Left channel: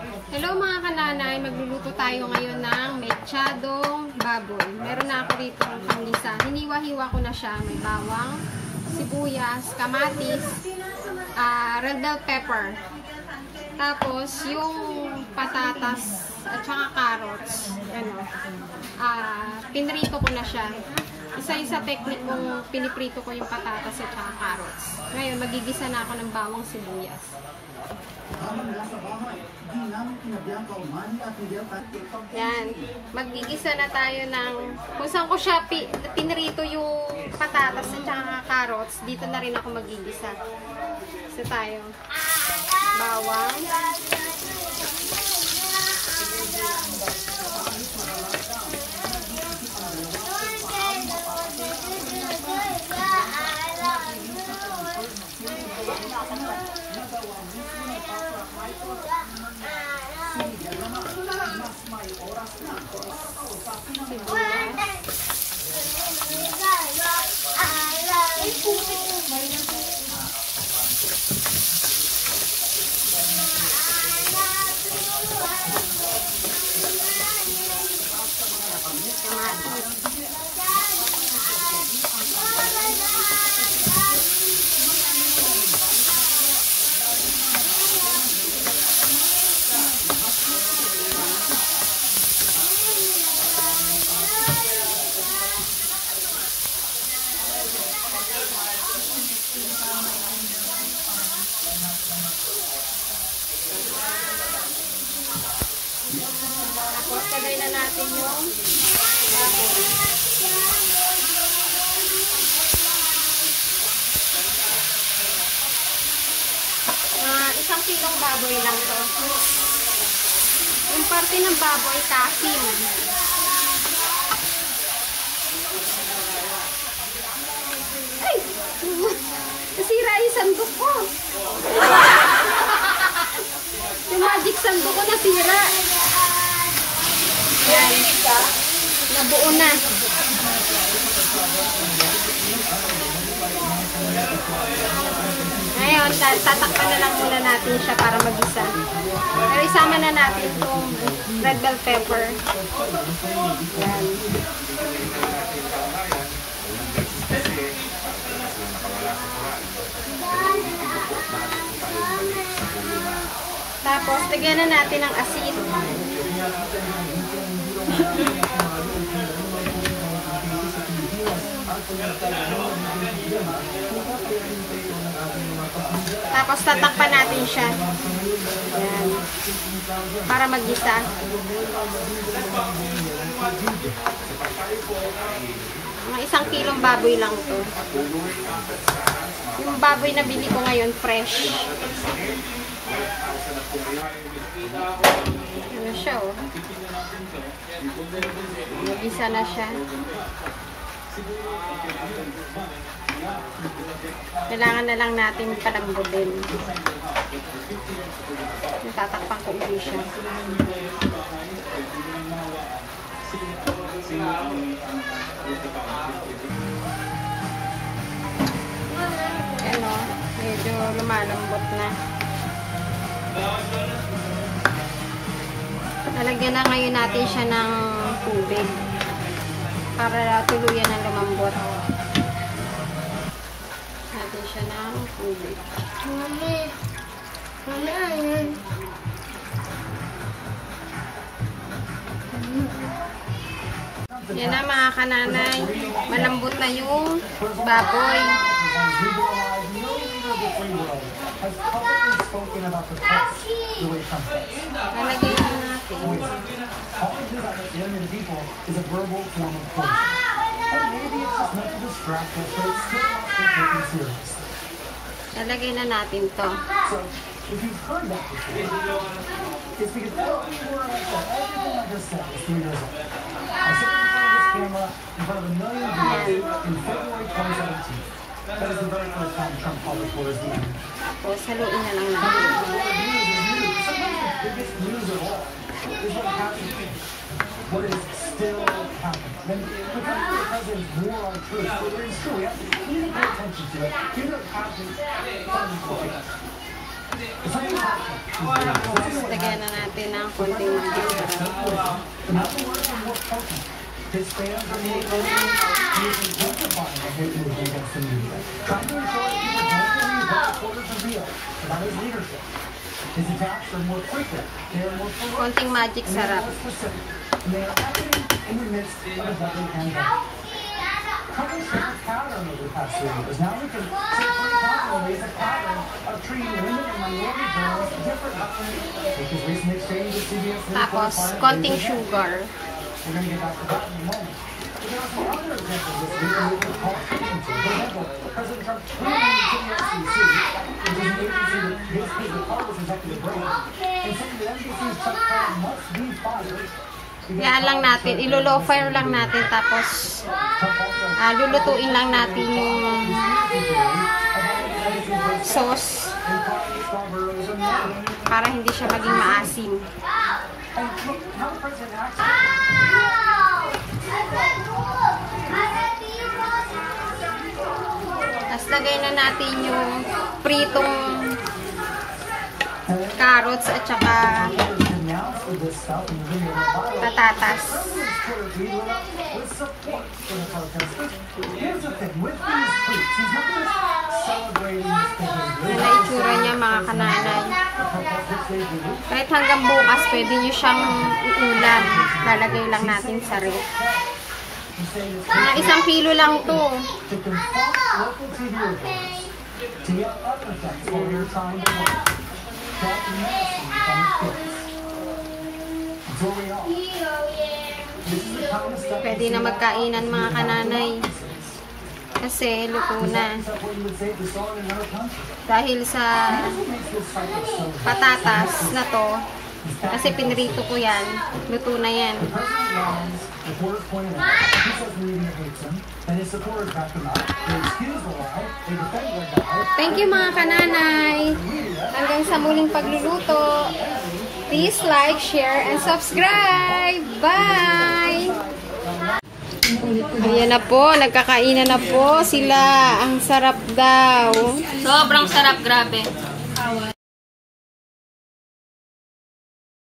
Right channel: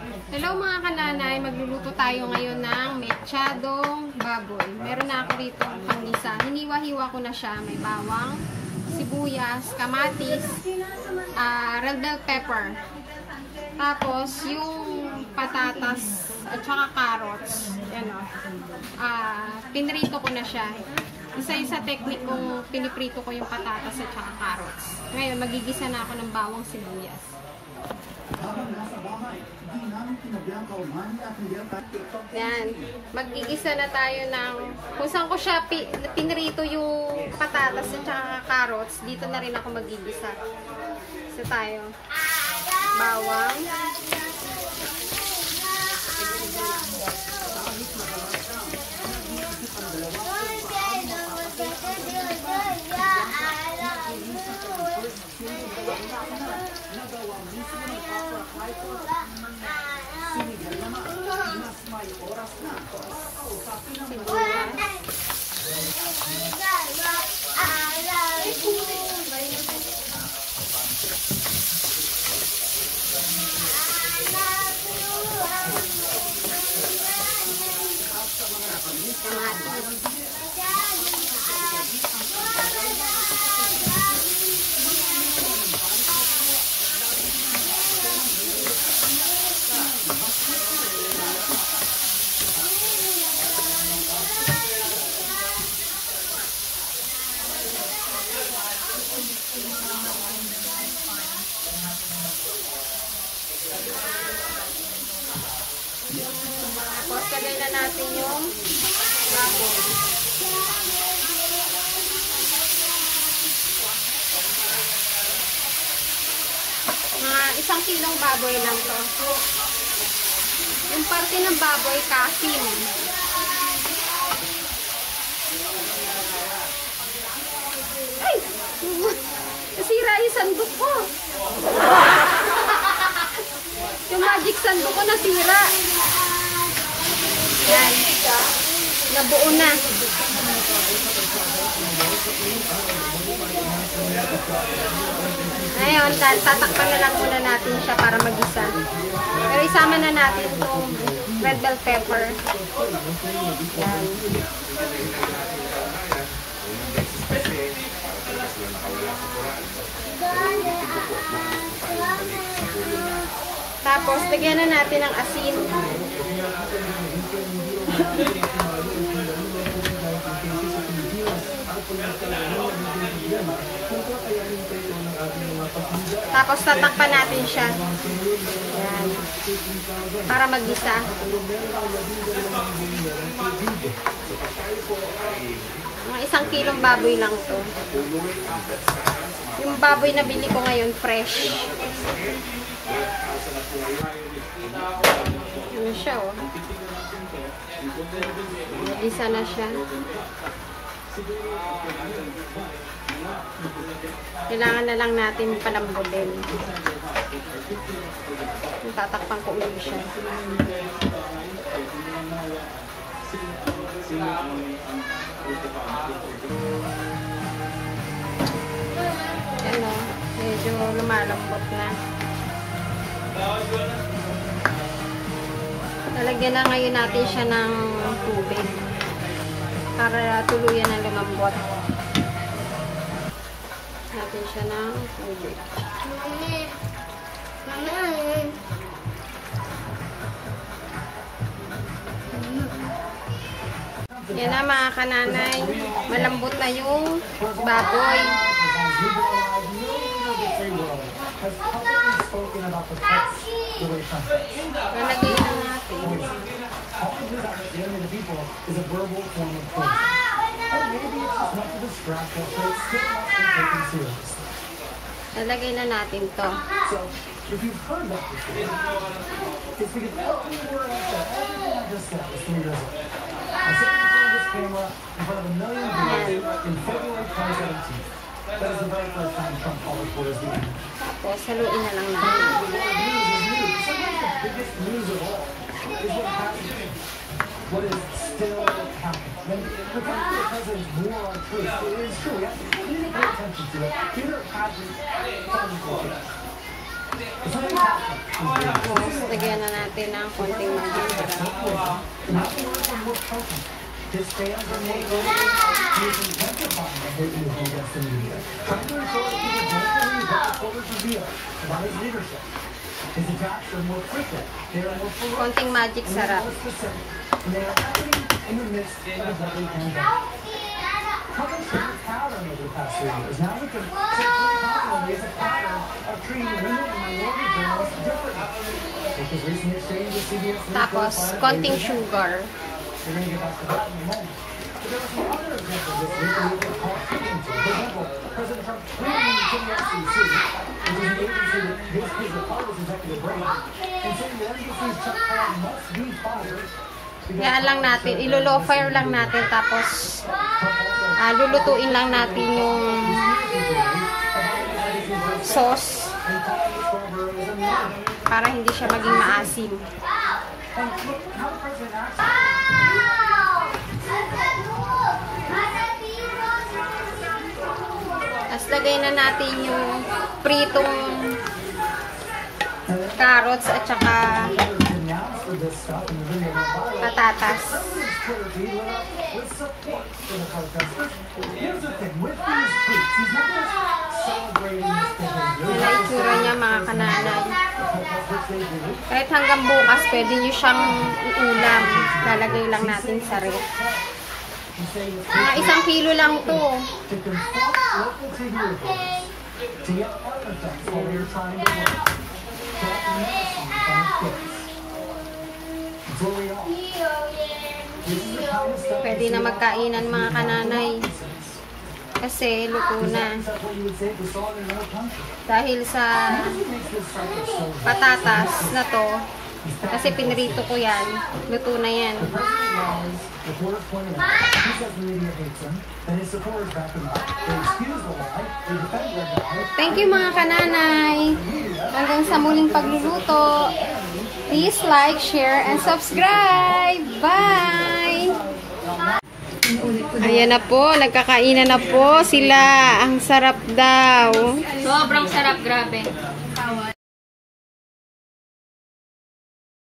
Hello mga kananay, magluluto tayo ngayon ng mechadong baboy. Meron na ako rito ng panggisa. Hiniwa-hiwa ko na siya. May bawang, sibuyas, kamatis, red bell pepper. Tapos yung patatas at saka carrots. Yan o. Pinrito ko na siya. Isa-isa technique kung piniprito ko yung patatas at saka carrots. Ngayon, magigisa na ako ng bawang sibuyas. Yan. Magigisa na tayo ng kung saan ko siya pinrito yung patatas at saka carrots. Dito na rin ako magigisa. Isa tayo. Bawang. Tapos, lagay na natin yung baboy. Isang kilong baboy lang to. Yung parte ng baboy, kasim. Ay! Nasira yung sandok ko. Yung magic sandok ko nasira. Yan. Nabuo na. Ngayon, tatakpan na lang muna natin siya para magisa. Pero isama na natin itong red bell pepper. Yan. Tapos, bigyan na natin ng asin. Tapos tatakpan natin siya. Ayan. Para maggisa. Mga 1 kilong baboy lang to. Yung baboy na bili ko ngayon fresh. Ano siya oh. Mag-isa na siya. Kailangan na lang natin palambutin. Tatakpan ko ulit siya. Yan o. Medyo lumalambot na. Lalagyan na ngayon natin siya ng tubig para tuluyan ng lumambot. Natin siya ng tubig. Yan na mga kananay. Malambot na yung baboy. Lalagyan na natin. Lalagay na natin to. Tapos, haluin na lang natin. What is still happening. The fact that there's more on truth, it is true. You need to pay attention to it. Keep it passion. Tapos, lagyan na natin natin ng konting magic sarap. His fans are neighbors. He is intensifying the hate movement against the media. Trying to ensure that people don't believe what reporters reveal about his leadership. His attacks are more frequent. They are more ferocious. Konting magic sarap. And they are happening in the midst of a deadly pandemic. Trump has shown pattern over the past 3 years. Now we can simply confidently as a pattern of treating women and minority girls differently. With his recent exchange with CBS News. Tapos, konting sugar. We're going to get back to that in a moment. But there are some other examples this week that we can call attention to. For example, President Trump clearly in the FCC, which is an agency that basically is the Congress executive branch, and saying the NBC's Chuck Todd must be fired. Yan lang natin, ilo-low fire lang natin, tapos lulutuin lang natin yung sauce para hindi siya maging maasim. Tapos lagay na natin yung pritong carrots at saka patatas. Yan ang itsura niya, mga kananay. Kahit hanggang bukas, pwede nyo siyang iulam. Lalagay lang natin sa ref. Mga 1 kilo lang to. Pwede na magkainan, mga kananay. Kasi luto na. Dahil sa patatas na to, kasi pinrito ko yan, luto na yan. Thank you, mga kananay. Hanggang sa muling pagluluto. Please like, share, and subscribe. Bye! Ayan na po, nagkakainan na po sila. Ang sarap daw. Sobrang sarap, grabe.